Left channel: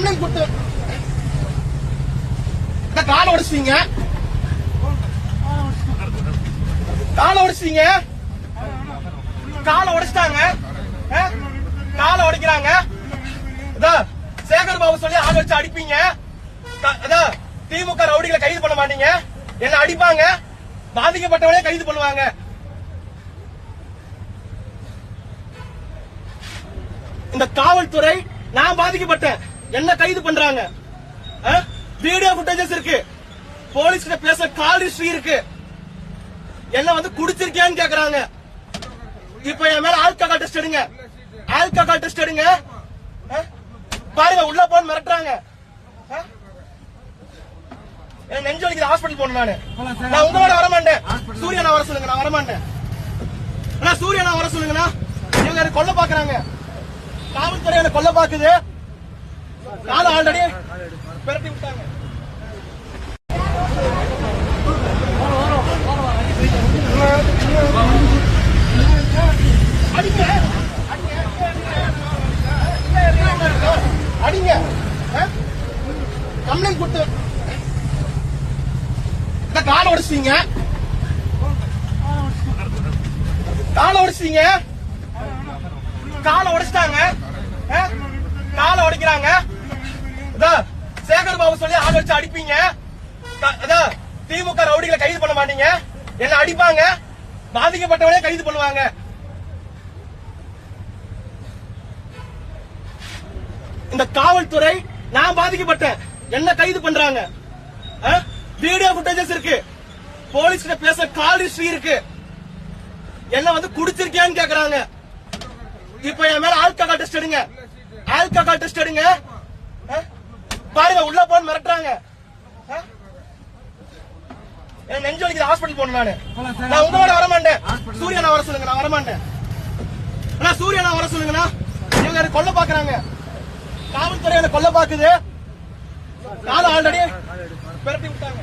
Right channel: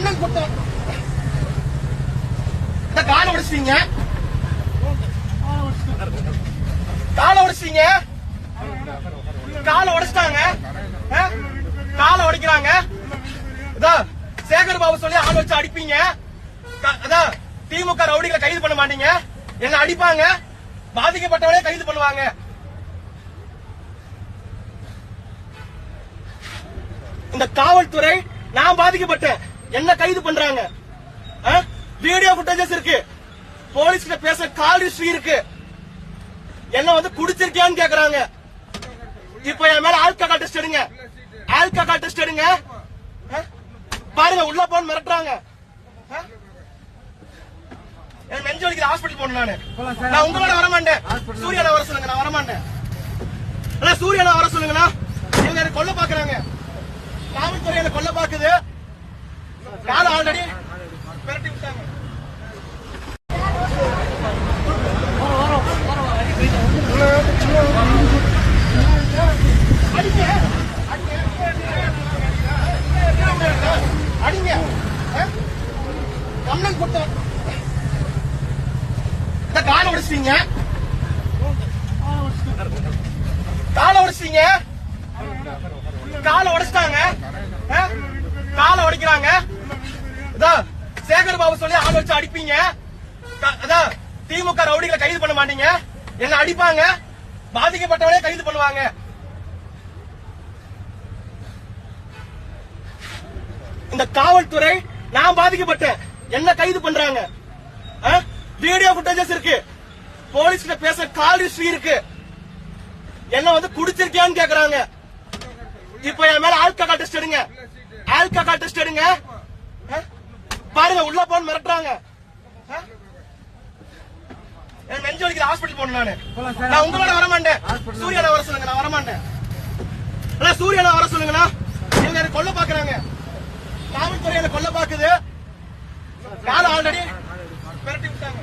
Complaint கொடுத்து கால உடைச்சிட்டீங்க. கால உடைச்சிட்டீங்க. கால உடைச்சிட்டாங்க. கால உடைக்கிறாங்க. சேகர் பாபு சொல்லி ஆள் வச்சு அடிப்பீங்க. திமுக ரவுடிகளை கைது பண்ண மாட்டீங்க. என்ன அடிப்பாங்க. பாதிக்கப்பட்டவனே கைது பண்ணுவாங்க. இந்த காவல்துறை நான் பாதிக்கப்பட்டேன். என்ன கைது பண்றாங்க? வீடியோ ஃபுட்டேஜஸ் இருக்கு. போலீஸ் கிட்ட பேச கால் ஹிஸ்டரி இருக்கு. என்ன வந்து குடிச்சிருக்கியான்னு கேக்குறாங்க. இப்ப என் மேல ஆல்கஹால் டெஸ்ட் எடுங்க. ஆல்கஹால் டெஸ்ட் எடுங்க? பாருங்க உள்ள போன் மிரட்டுறாங்க? எனக்கு நெஞ்சு வலிக்குது ஹாஸ்பிட்டல் போகணும் நானு. நான் உங்க மேல வர மாட்டேன் சூரியனை வர சொல்லுங்க நான் வர மாட்டேன் அண்ணா சூரியனை வர சொல்லுங்கண்ணா. இவங்க கொல்ல பாக்குறாங்க காவல்துறை என்ன கொல்ல பாக்குது நானும் ஆல்ரெடி விரட்டி விட்டாங்க. அடிங்க. அடிங்க. கம்ப்ளைண்ட் கொடுத்து இந்த காலை உடைச்சிட்டீங்க காலை உடைச்சிட்டீங்க காலை உடைச்சிட்டாங்க ஆ? காலை உடைக்கிறாங்க சேகர் பாபு சொல்லி ஆள் வச்சு அடிப்பீங்க. திமுக ரவுடிகளை கைது பண்ண மாட்டீங்க. என்ன அடிப்பாங்க. பாதிக்கப்பட்டவனே கைது பண்ணுவாங்க. இந்த காவல்துறை நான் பாதிக்கப்பட்டேன். என்ன கைது பண்றாங்க. வீடியோ ஃபுட்டேஜஸ் இருக்கு. போலீஸ் கிட்ட பேச கால் ஹிஸ்டரி இருக்கு. என்ன வந்து குடிச்சிருக்கியான்னு கேக்குறாங்க. இப்ப என் மேல ஆல்கஹால் டெஸ்ட் எடுங்க. ஆல்கஹால் டெஸ்ட் எடுங்க. பாருங்க உள்ள போன் மிரட்டுறாங்க? எனக்கு நெஞ்சு வலிக்குது ஹாஸ்பிட்டல் போகணும் நானு. நான் உங்க மேல வர மாட்டேன் சூரியனை வர சொல்லுங்க நான் வர மாட்டேன் அண்ணா சூரியனை வர சொல்லுங்கண்ணா இவங்க எனக்கு கொல்ல பாக்குறாங்க காவல்துறை என்ன கொல்ல பாக்குது நானும் ஆல்ரெடி விட்டாங்க.